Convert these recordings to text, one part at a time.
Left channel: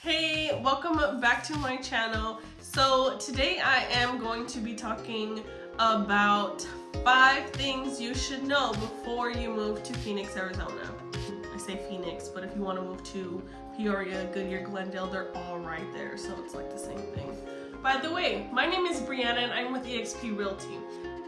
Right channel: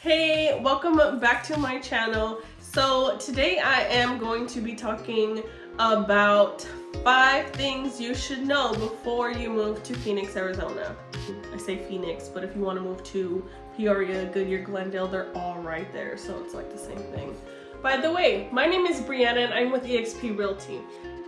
Hey, welcome back to my channel. So today I am going to be talking about 5 things you should know before you move to Phoenix, Arizona. I say Phoenix, but if you want to move to Peoria, Goodyear, Glendale, they're all right there, so it's like the same thing. By the way, my name is Briana and I'm with eXp Realty.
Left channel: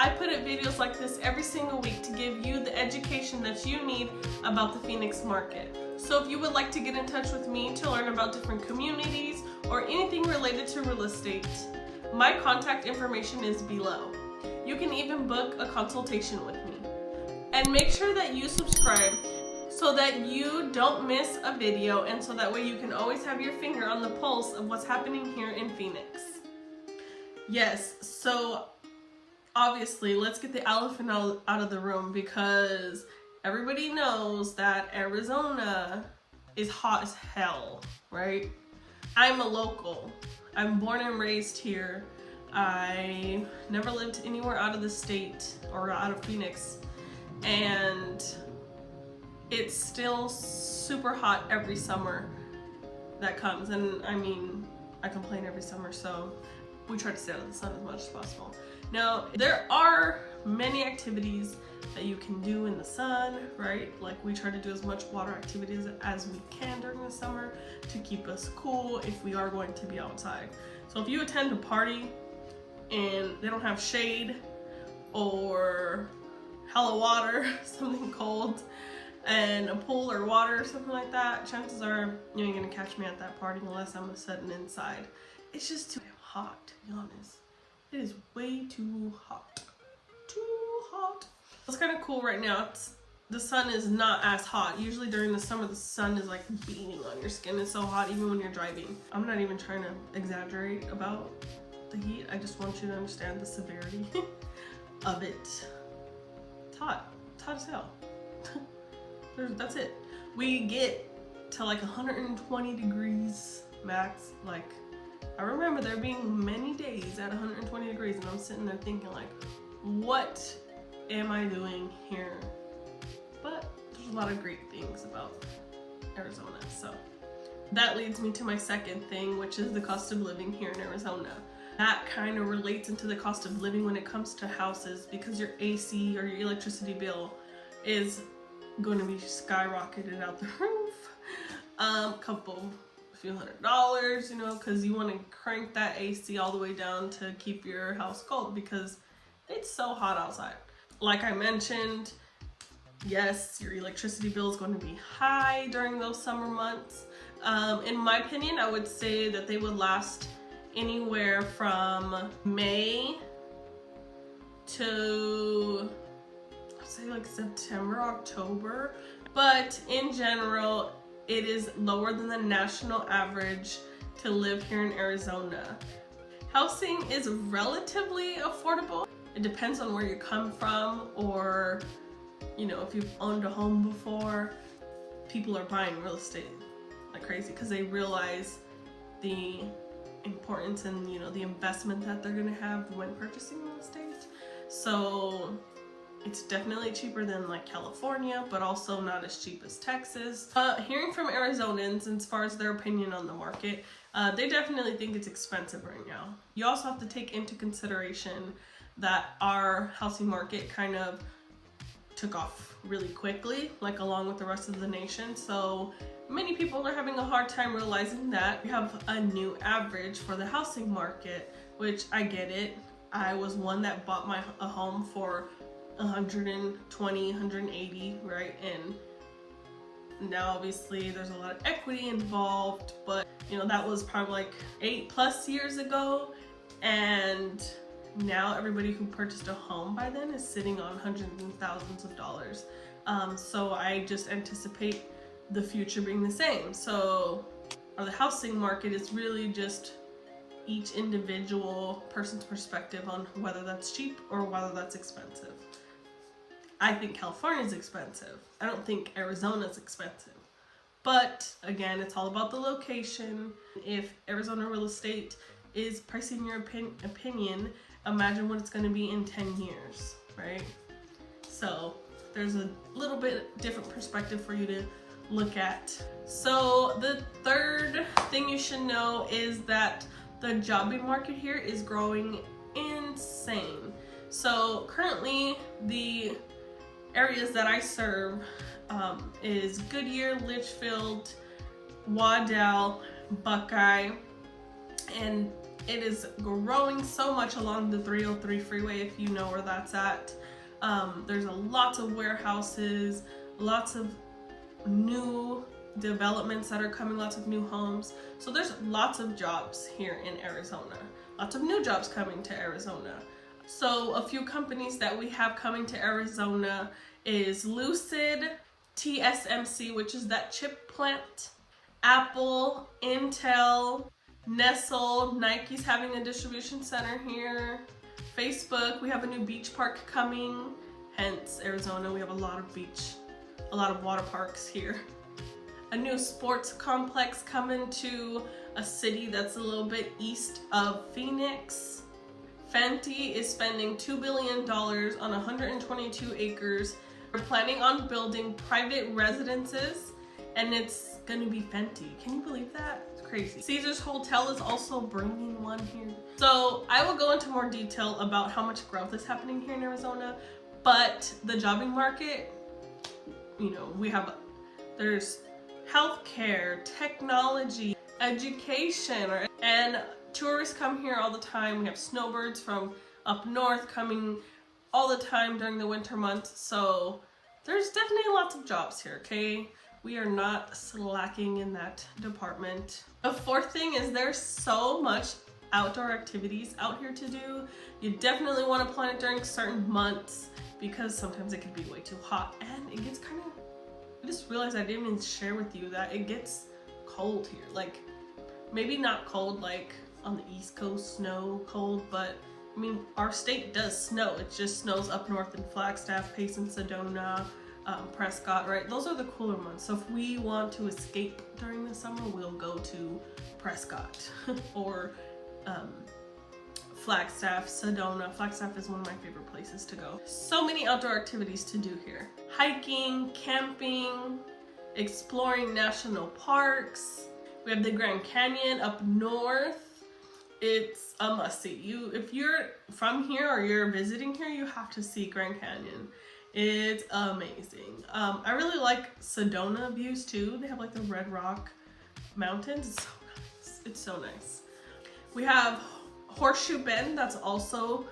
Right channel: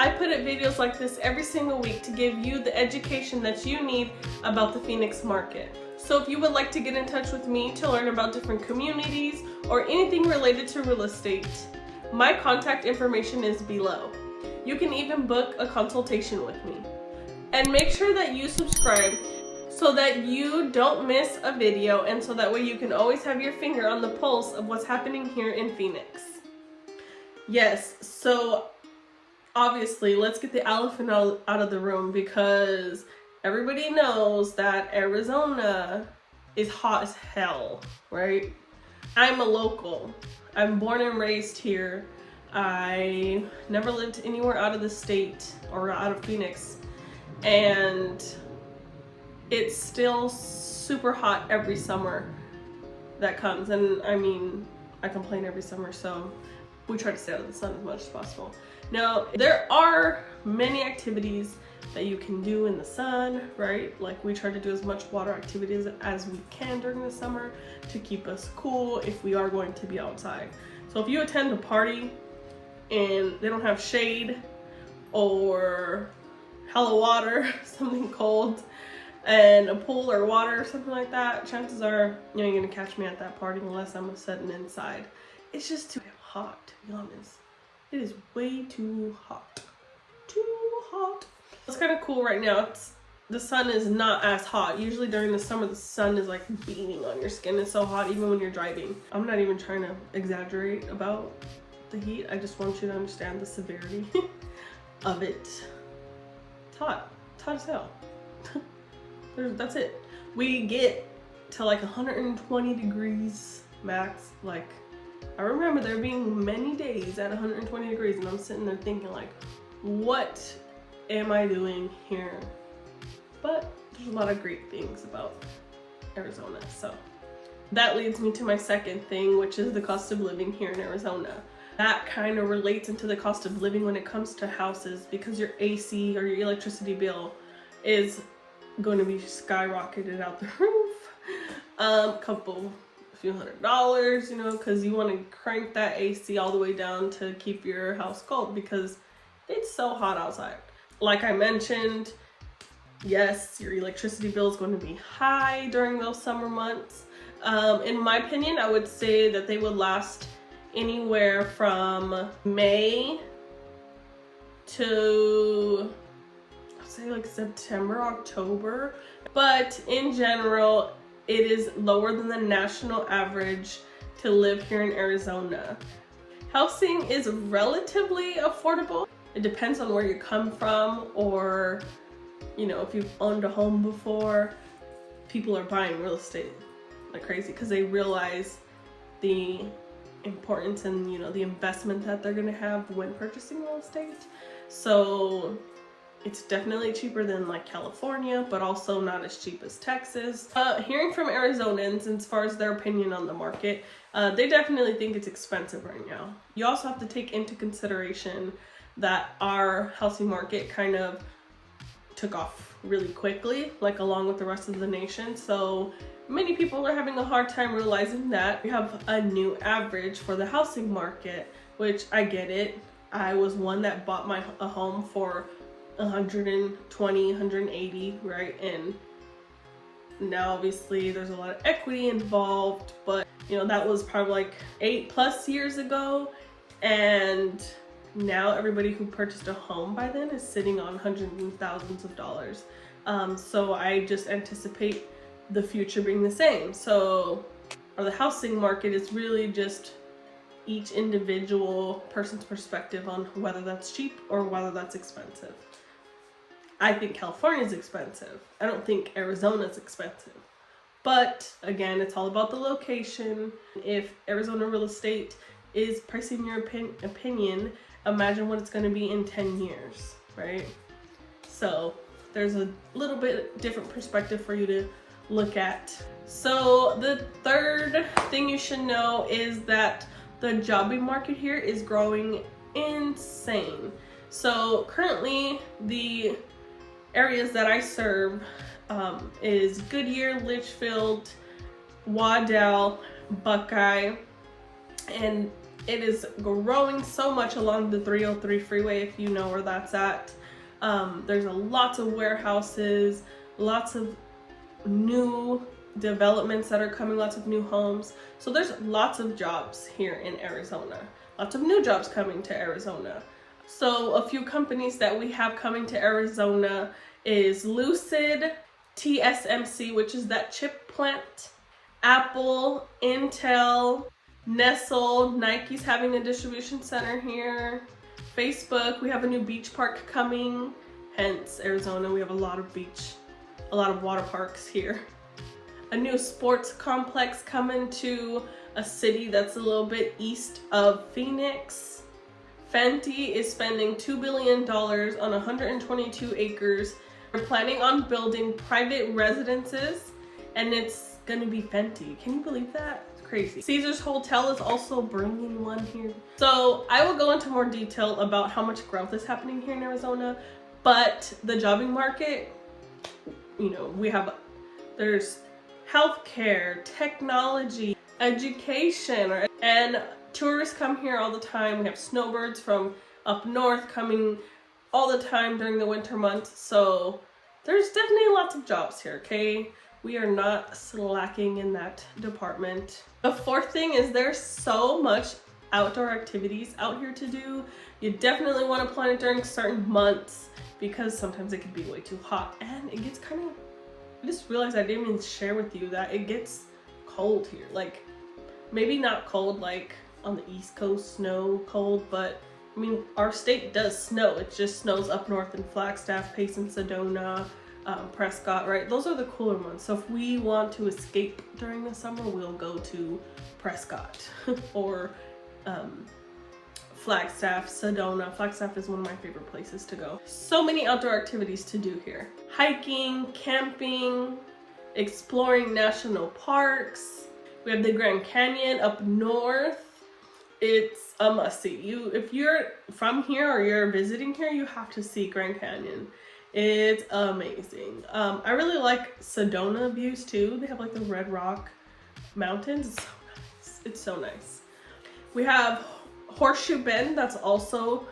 I put up videos like this every single week to give you the education that you need about the Phoenix market. So if you would like to get in touch with me to learn about different communities or anything related to real estate, my contact information is below. You can even book a consultation with me. And make sure that you subscribe so that you don't miss a video, and so that way you can always have your finger on the pulse of what's happening here in Phoenix. Yes, so obviously let's get the elephant out of the room, because everybody knows that Arizona is hot as hell, right? I'm a local. I'm born and raised here. I never lived anywhere out of the state or out of Phoenix, and it's still super hot every summer that comes. And I mean, I complain every summer, so we try to stay out of the sun as much as possible. Now, there are many activities that you can do in the sun, right? Like, we try to do as much water activities as we can during the summer to keep us cool if we are going to be outside. So if you attend a party and they don't have shade or hella water, something cold, and a pool or water or something like that, chances are you ain't gonna catch me at that party unless I'm sitting inside. It's just too damn hot, to be honest. It is way too hot. Too hot. It's kind of cool right now. The sun is not as hot. Usually during the summer, the sun is like beating on your skin. It's so hot even when you're driving. I'm not even trying to exaggerate about the heat. I just want you to understand the severity of it. It's hot. It's hot as hell. That's it. We get to like 120 degrees max. Like, I remember there being many days at 120 degrees, and I'm sitting there thinking like, what am I doing here? But there's a lot of great things about Arizona. So that leads me to my second thing, which is the cost of living here in Arizona. That kind of relates into the cost of living when it comes to houses, because your AC or your electricity bill is going to be skyrocketed out the roof. A few $100s, you know, because you want to crank that AC all the way down to keep your house cold, because it's so hot outside. Like I mentioned, yes, your electricity bill is going to be high during those summer months. In my opinion, I would say that they would last anywhere from May to, I'd say like September, October. But in general, it is lower than the national average to live here in Arizona. Housing is relatively affordable. It depends on where you come from, or, you know, if you've owned a home before. People are buying real estate like crazy because they realize the importance and, you know, the investment that they're gonna have when purchasing real estate. So it's definitely cheaper than like California, but also not as cheap as Texas. Hearing from Arizonans as far as their opinion on the market, they definitely think it's expensive right now. You also have to take into consideration that our housing market kind of took off really quickly, like along with the rest of the nation. So many people are having a hard time realizing that we have a new average for the housing market, which I get it. I was one that bought a home for 120, 180, right? And now obviously there's a lot of equity involved, but you know, that was probably like 8+ years ago, and now everybody who purchased a home by then is sitting on hundreds and thousands of dollars. So I just anticipate the future being the same. So the housing market is really just each individual person's perspective on whether that's cheap or whether that's expensive. I think California is expensive. I don't think Arizona is expensive. But again, it's all about the location. If Arizona real estate is pricing your opinion, imagine what it's going to be in 10 years, right? So there's a little bit different perspective for you to look at. So the third thing you should know is that the jobbing market here is growing insane. So currently the areas that I serve is Goodyear, Litchfield, Waddell, Buckeye, and it is growing so much along the 303 freeway, if you know where that's at. There's lots of warehouses, lots of new developments that are coming, lots of new homes. So there's lots of jobs here in Arizona, lots of new jobs coming to Arizona. So a few companies that we have coming to Arizona is Lucid, TSMC, which is that chip plant, Apple, Intel, Nestle, Nike's having a distribution center here, Facebook, we have a new beach park coming, hence Arizona, we have a lot of water parks here. A new sports complex coming to a city that's a little bit east of Phoenix. Fenty is spending $2 billion on 122 acres. We're planning on building private residences, and it's gonna be Fenty. Can you believe that? It's crazy. Caesar's Hotel is also bringing one here. So I will go into more detail about how much growth is happening here in Arizona, but the jobbing market, you know, there's healthcare, technology, education, and tourists come here all the time. We have snowbirds from up north coming all the time during the winter months. So there's definitely lots of jobs here, okay? We are not slacking in that department. The fourth thing is there's so much outdoor activities out here to do. You definitely want to plan it during certain months because sometimes it can be way too hot and it gets kind of, I just realized I didn't even share with you that it gets cold here. Like, maybe not cold like on the East Coast, snow cold, but I mean, our state does snow. It just snows up north in Flagstaff, Payson, Sedona, Prescott, right? Those are the cooler months. So if we want to escape during the summer, we'll go to Prescott or Flagstaff, Sedona. Flagstaff is one of my favorite places to go. So many outdoor activities to do here. Hiking, camping, exploring national parks. We have the Grand Canyon up north. It's a must-see. If you're from here or you're visiting here, you have to see Grand Canyon. It's amazing. I really like Sedona views too. They have like the Red Rock Mountains. It's so nice. It's so nice. We have Horseshoe Bend, that's also,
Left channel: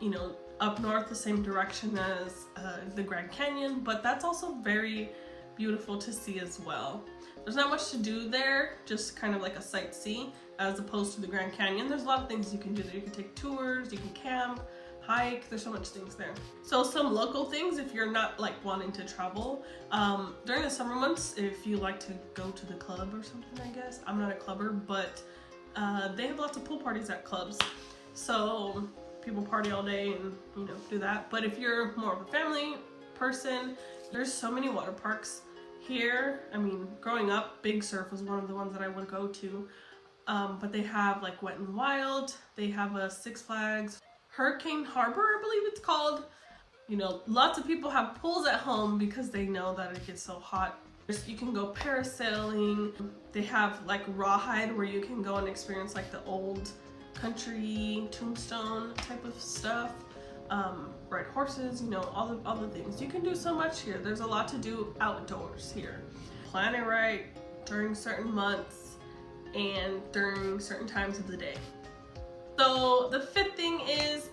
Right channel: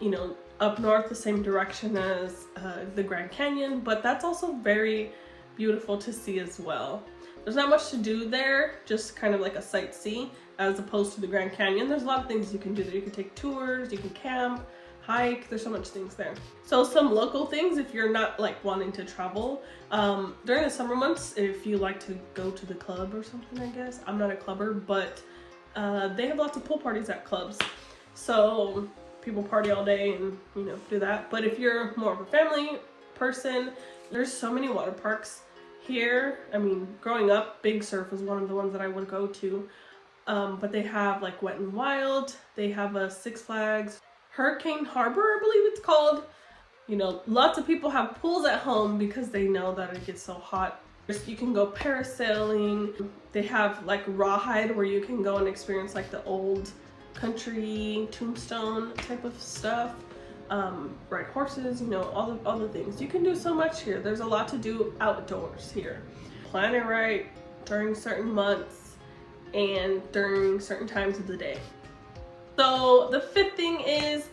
you know, up north the same direction as the Grand Canyon, but that's also very beautiful to see as well. There's not much to do there, just kind of like a sightsee as opposed to the Grand Canyon. There's a lot of things you can do there. You can take tours, you can camp, hike, there's so much things there. So some local things if you're not like wanting to travel. During the summer months, if you like to go to the club or something, I guess. I'm not a clubber, but they have lots of pool parties at clubs. So people party all day and, you know, do that. But if you're more of a family person, there's so many water parks here. I mean, growing up, Big Surf was one of the ones that I would go to. But they have like Wet n Wild, they have a Six Flags, Hurricane Harbor, I believe it's called. You know, lots of people have pools at home because they know that it gets so hot. You can go parasailing. They have like rawhide where you can go and experience like the old country tombstone type of stuff. Ride horses, you know, all the things. You can do so much here. There's a lot to do outdoors here. Plan it right during certain months and during certain times of the day. So the fifth thing is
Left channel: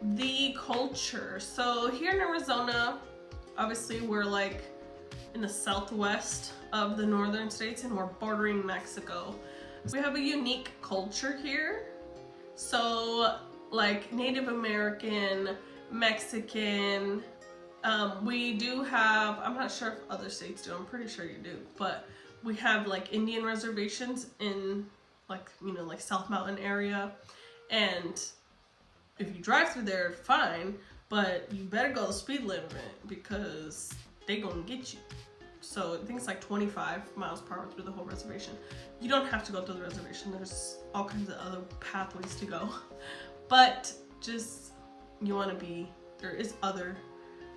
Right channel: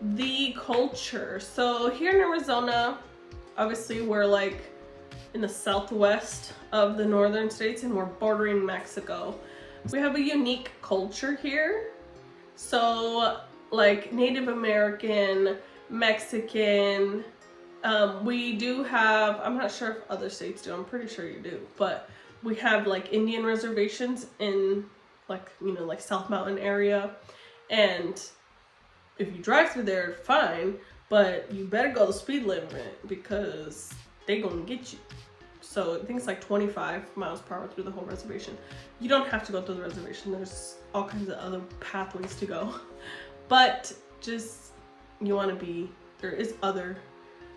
the culture. So here in Arizona, obviously we're like in the southwest of the northern states and we're bordering Mexico. We have a unique culture here. So like Native American, Mexican, we do have, I'm not sure if other states do, I'm pretty sure you do, but we have like Indian reservations in like, you know, like South Mountain area. And if you drive through there, fine, but you better go the speed limit because they gonna get you. So I think it's like 25 miles per hour through the whole reservation. You don't have to go through the reservation. There's all kinds of other pathways to go. But just, you want to be, there is other,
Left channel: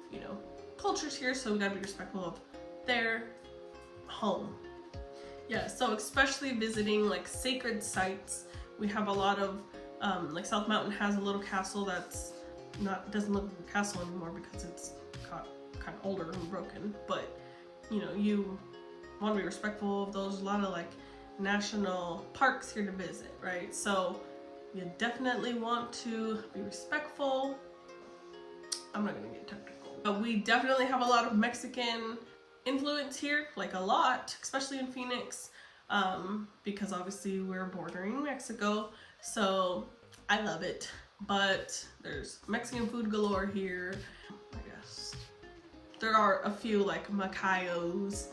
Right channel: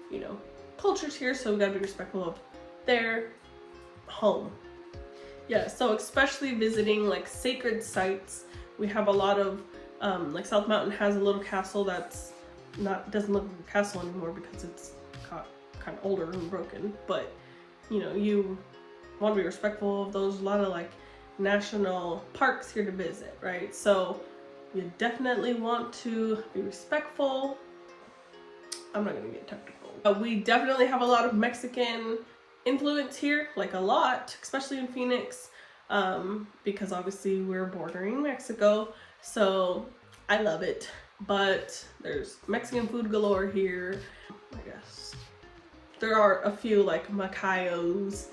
you know, cultures here, so we gotta be respectful of their home. Yeah, so especially visiting like sacred sites. We have a lot of like South Mountain has a little castle that's doesn't look like a castle anymore because it's got kind of older and broken, but you know, you want to be respectful of those. A lot of like national parks here to visit, right? So you definitely want to be respectful. I'm not gonna get technical. We definitely have a lot of Mexican influence here, like a lot, especially in Phoenix, because obviously we're bordering Mexico, so I love it. But there's Mexican food galore here. I guess there are a few like macayos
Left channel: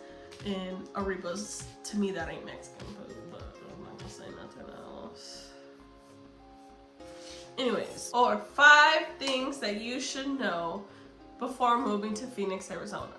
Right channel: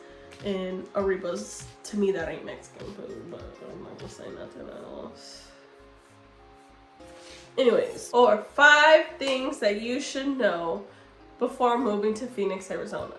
and arribas. To me, that ain't Mexican food, but I'm not gonna say nothing else. Anyways, or 5 things that you should know before moving to Phoenix, Arizona.